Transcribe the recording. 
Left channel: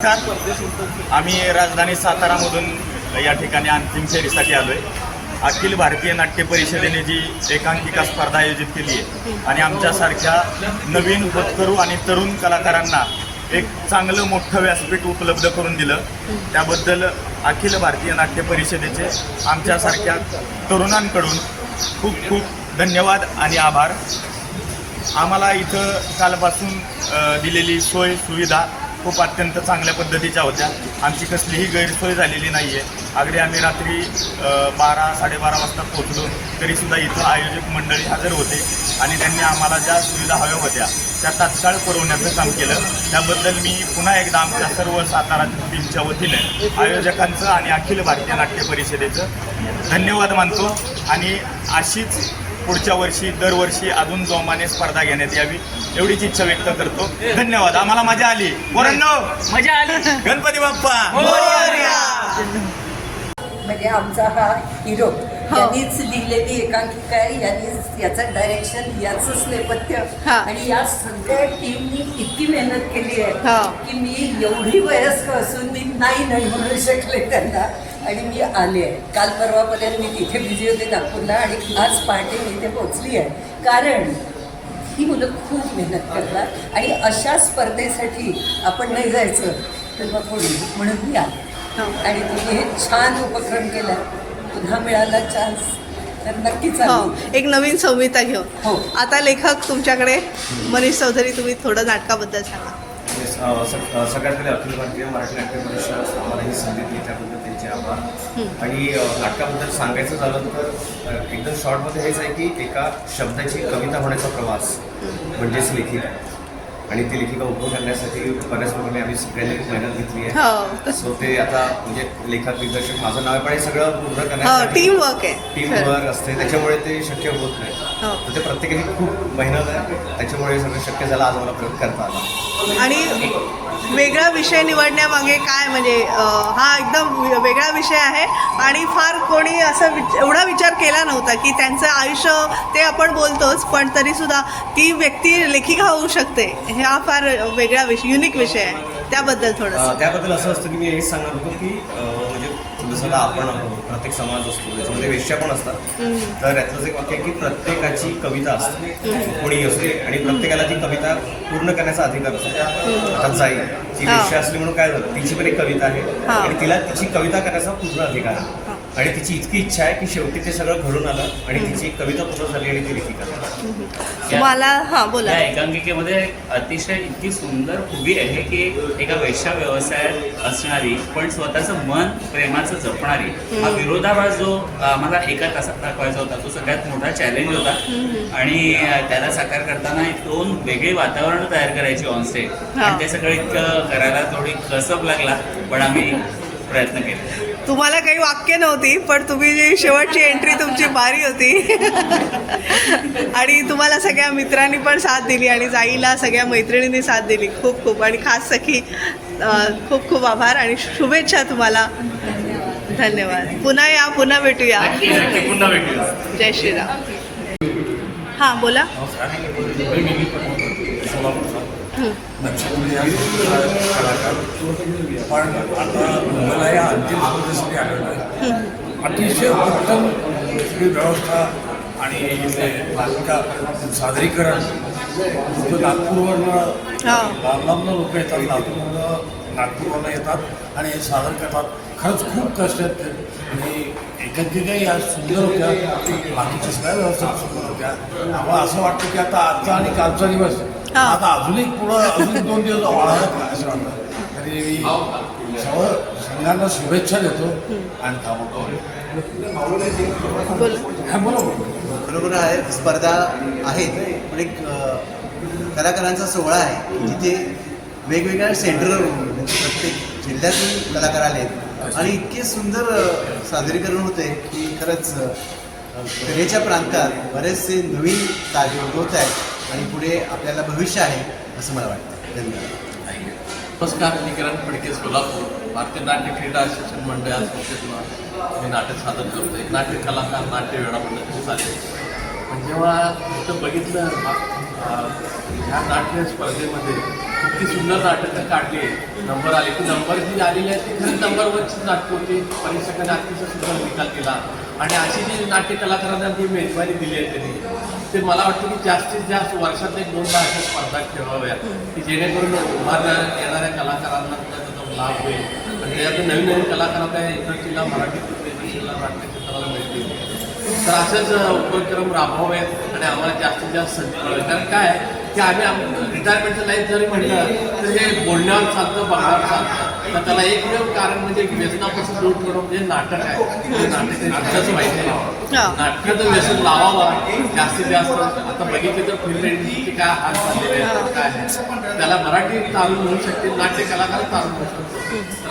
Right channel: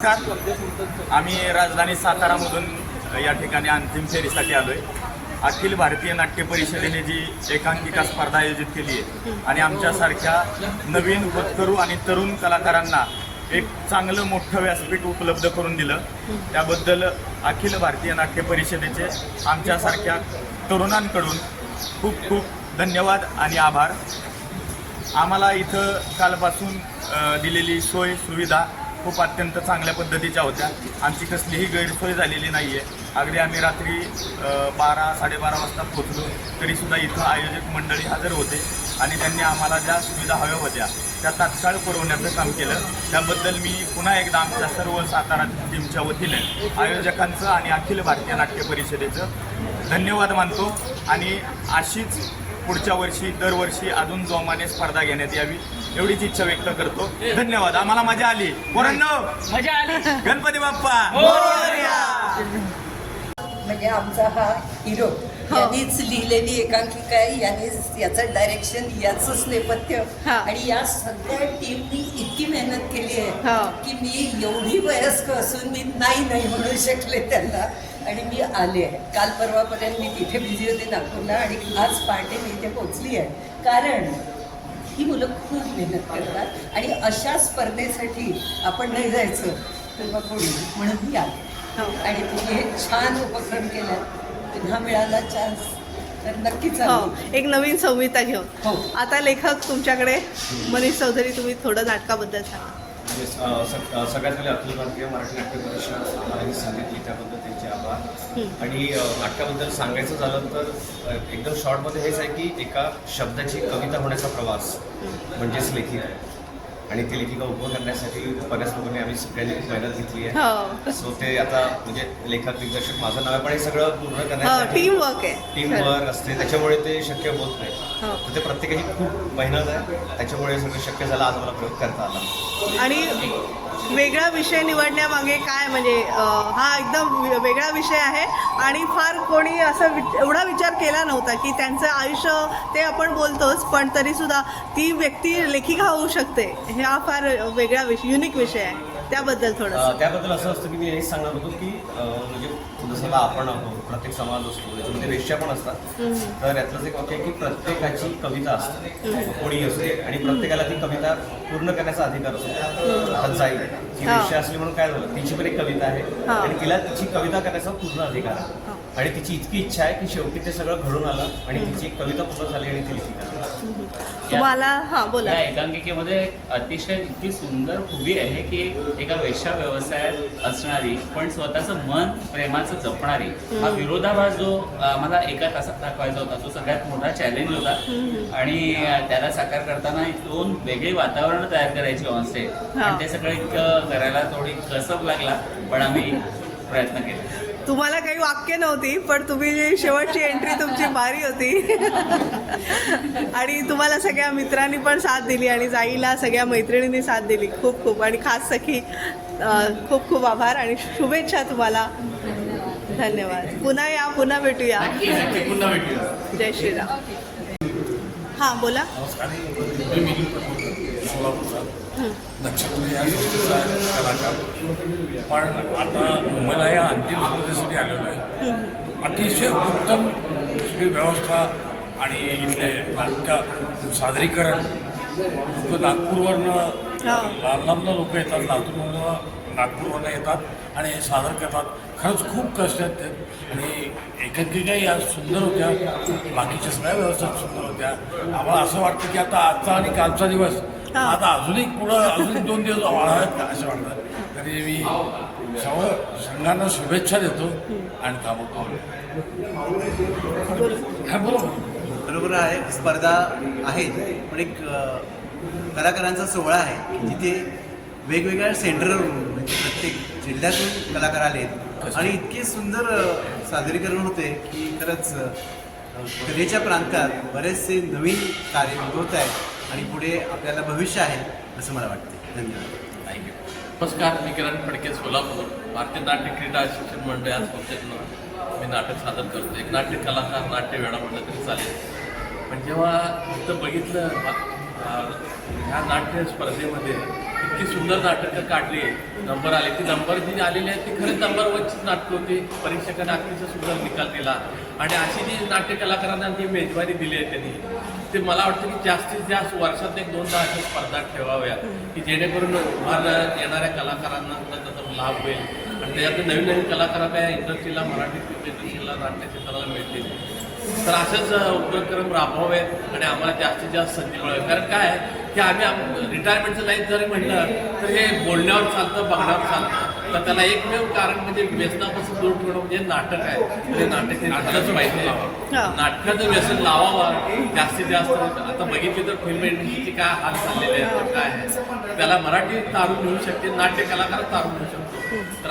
आम्ही राजधानी सातारामधून या ठिकाणी अंतिम फेरीसाठी आलो आहे अखिल भारतीय नाट्य परिषदेने जी एकांकिका स्पर्धा आयोजित केली आहे आणि आमच्यासारख्या नवीन होतकरू आणि तरुण कलाकारांना एक चांगलं मोठं व्यासपीठ उपलब्ध करून दिलं. त्याबद्दल अखिल भारतीय नाट्य परिषदेचे आमच्यासारख्या तरुणांकडून खूप खूप धन्यवाद आणि आभार. आम्हाला इथं कालपासून दिलेली सोय सुविधा खूप अत्यंत चांगल्या पद्धतीच्या होत्या. आमची कसलीही गैरसोय झालेली नाही आहे अगदी आम्ही रात्री बारा साडेबारा वाजता पोहोचलो तरीसुद्धा इथं आयोजक मंडळी हजर होते आणि त्यांनी आम्हाला ज्या सुविधा हव्या होत्या त्या तात्काळ पुरवण्याचं काम केलं. त्याबद्दल मी पुन्हा एकदा आमच्या सर्व सातारा टीमच्या वतीने आयोजकांचं आणि अखिल भारतीय नाट्य परिषदेचं धन्यवाद मानतो. आणि अशीच पुढच्या वर्षी दरवर्षी अजून जोमाने स्पर्धा घेण्यात यावी एवढीच इच्छा व्यक्त करतो. धन्यवाद. आम्हाला मजा आली. पोरांनो मजा आली. गणपती बाप्पा. म्हणजे आमचा हा हिरो यांनीच लिहिलेली एकांकिका आहे. यांनीच याचं डायरेक्शन याचंच नेपथ्य हा. आणि या सगळ्या टीमनी इतकी मेहनत केली हा. आहे की मी एवढी वयस्क असून मी नाही नाही म्हणू शकले त्यांना. आणि मी आले आहे. काल परवापर्यंत मी तिथे बिझी होते नागपूरला आणि आज पहाटे मी इथे पोचली आहे. कारण ही मुलं खूप मेहनत करतात आणि अशा स्पर्धेसाठी आपण नाही जायचं तर मग कोणी म्हणून मी आले. आणि तुम्ही हे छान उपक्रम केला पुन्हा मिळाला चान्स तर नक्कीच हो एक नवीन संहिता घेऊन हो. आता लेखक तुमच्याकडे मनीष चौधरी तुम्ही थोडं नाटकाबद्दल सांगा. सगळ्यात पहिले अखिल भारतीय मराठी नाट्य परिषद आम्हाला ही संधी त्यांचे आभार आणि नाटकाबद्दल सांगायचं झालं तर एकदम शॉर्टमध्ये हेच आहे की एका शब्दाची कविता होण्याचा प्रवास म्हणजेच लेखिका. आणि ती लेखिका उभं करण्यासाठी बऱ्याच लोकांनी आम्ही सगळ्यांनी मेहनत घेतली आहे. हो. सो ते आता म्हणजे लेखक दिग्दर्शक माझं नाव आहे पण हे सगळं पूर्ण हो करण्यासाठी टीम वर्क आहे. टीम वर्क असते. त्याच्यामुळे ते शक्य होत नाही. हो. ते प्रत्येकाची खूप मेहनत आहे. त्याच्यामुळे हे सगळं शक्य झालं आज मला प्रयोग करता आला. आणि वेगळा विषय निवडण्यामागे काय म्हणजे हा एकदम वेगळा विषय आहे. आणि फार कोणी असं विच एवढा विचार केला नव्हता की त्यांचं आयुष्य ते आपण बोलतोच पण तरीसुद्धा ती व्यक्ती लेखिका होऊ शकते. हा फार वेगळा विषय युनिक विषय आहे. त्याबद्दल थोडंसं. त्याबद्दल असं असतं की मी हेच सांगणार होतो की जसं आता आपण आहोत प्रत्येक समाज असतो त्याच्यामध्ये वेश्या पण असतात. तर यातलंच एक वाक्य की प्रत्येकाची कविता असते. कोणी असते आणि प्रत्येकाला ती कविता पूर्ण करण्याचा अधिकार असतो. आता जाईल ती. वेश्या असली म्हणून काय झालं? तिची पण एक कविता आहे. आणि तिला तिची कविता करण्याचा पूर्ण अधिकार आहे. आणि तिची इतकी इच्छा आहे की शेवटी ते सगळं घडून आलं आणि तिची कविता पूर्ण झाली आणि ती लेखिका. तुम्हाला हां बोला. या एकांकिकेमध्ये अतिशय इतकी सुंदर खूबी आहे की एका वेश्या व्यवसायात असणारी पण स्वतःचं मन प्रेमाचं जपणारी हा विरोधाभास जो आम्हाला एका तासात दाखवायचा होता तो सगळ्यात मोठा चॅलेंज होता. आणि त्याला साकार करताना दोन वेगळी वातावरण तयार करायची ऑनस्टेज. आणि ते सगळं इतकं करायला थोडी कसब लागला पण आम्ही प्रयत्न केले. तुम्हाला काही वाक्य नव्हती पण तुम्ही जी शेवटची एंट्री तुमची भारी होती. आणि तुम्हाला सगळ्या मित्रांनी पण साथ दिली आणि जाईला सगळ्या मैत्रिणींनी साथ दिली. खूप खूप. आणि खास सखी खूप खूप आभार आणि शुभेच्छा तुम्हाला. धन्यवाद. पुन्हा या पुन्हा भेटूया. जय श्रीराम. हां बोला. पण आता मला या अंतिम स्पर्धेसाठी आलेलो आहे अतिशय उत्तम व्यवस्था आणि इथले नाटका सादरीकरण. लोक नागपूरवरनं हा. लांब लोक येतात लातूरवरनं नागपूरवरनं येतात आणि सादर करतात. खरंच खूप कष्ट आहेत आणि एकांकिकाही या सुंदर होत्या बाकीच्या सगळ्या व्यवस्था सुंदर होत्या. आम्हाला असं वाटतं की आता आजचा आणि कालचा दिवस हा. आता अजूनही पुढं अजून दोन दिवस वाढावेत का असं वाटतं. तरी मी सर्व संघांना शुभेच्छा देतो आणि हा बरोबर बरोबर आहे स्पर्धा आहेत पण एक कलाकारांचा सोहळा आहे. जिथे वेगवेगळ्या सेंटरवरून म्हणजे प्रत्येक जिल्ह्यातून कलाकार आले आहेत. आणि इतके सुंदर सादरीकरण होते की खरंच कलेच्या प्रांतात बरेचसे नवीन कार्य उद्भवत आहेत. आणि पुढे आपल्याला भविष्य आहे असं मला वाटतं. धन्यवाद. नमस्कार मी किरण फडके सोलापूर. भारतीय नाट्य क्रीडा शिक्षण मंडळात संस्थेतून मी नाटक सादर करतो एक नाट्य कलाकार नाट्य वेळा पद्धतीने चालेल पण जेव्हा इथं बघितलं ह्या नाट्य स्पर्धेमध्ये इतकी सुंदर नाटकं काढली नंबर आले. की नंबर जी आलेली आहे ती खरंच नंबरवरचीच नाटकं होती. परीक्षकांनी अतिशय सुंदर निकाल दिला. आणि अशी जी नाट्य कलाकारांना जी मेजवानी दिली आहे त्यांनी ते मला वाटतं की जास्तीत जास्त वर्षात एक दोनदा अशा स्पर्धा ठेवाव्या की जेणेकरून उभारल्या येणाऱ्या कलाकारांना त्याचा लाभ होईल. आणि त्यातून नवीन नवीन कलाकार त्या इंडस्ट्रीला मराठी इंडस्ट्रीला नाट्य क्षेत्राला मिळतील. तर असेच उपक्रम राबवावेत आणि आम्हाला जास्तीत जास्त संधी मिळेल. कारण काय की आम्ही रिटायरमेंटचं लाईफ जरी म्हटलं तर हे बोलण्यावर चालतं बघण्यावर चालतं. तर त्याला एकमेव कारण म्हणजे व्यसनापासून दूर ठेवणं म्हणजे नाटक आहे. ते नाटक हे नाटकच पाहिजे हा. नाटकाचं व्यसन लावावं जास्तीत जास्त आता बघितलं तर फिल्म इंडस्ट्रीचे काय हाल झालेले आहेत काय आहे. त्याला मराठी तारून म्हणू शकते नाट्य कलाकार तारून म्हणू शकतो. तर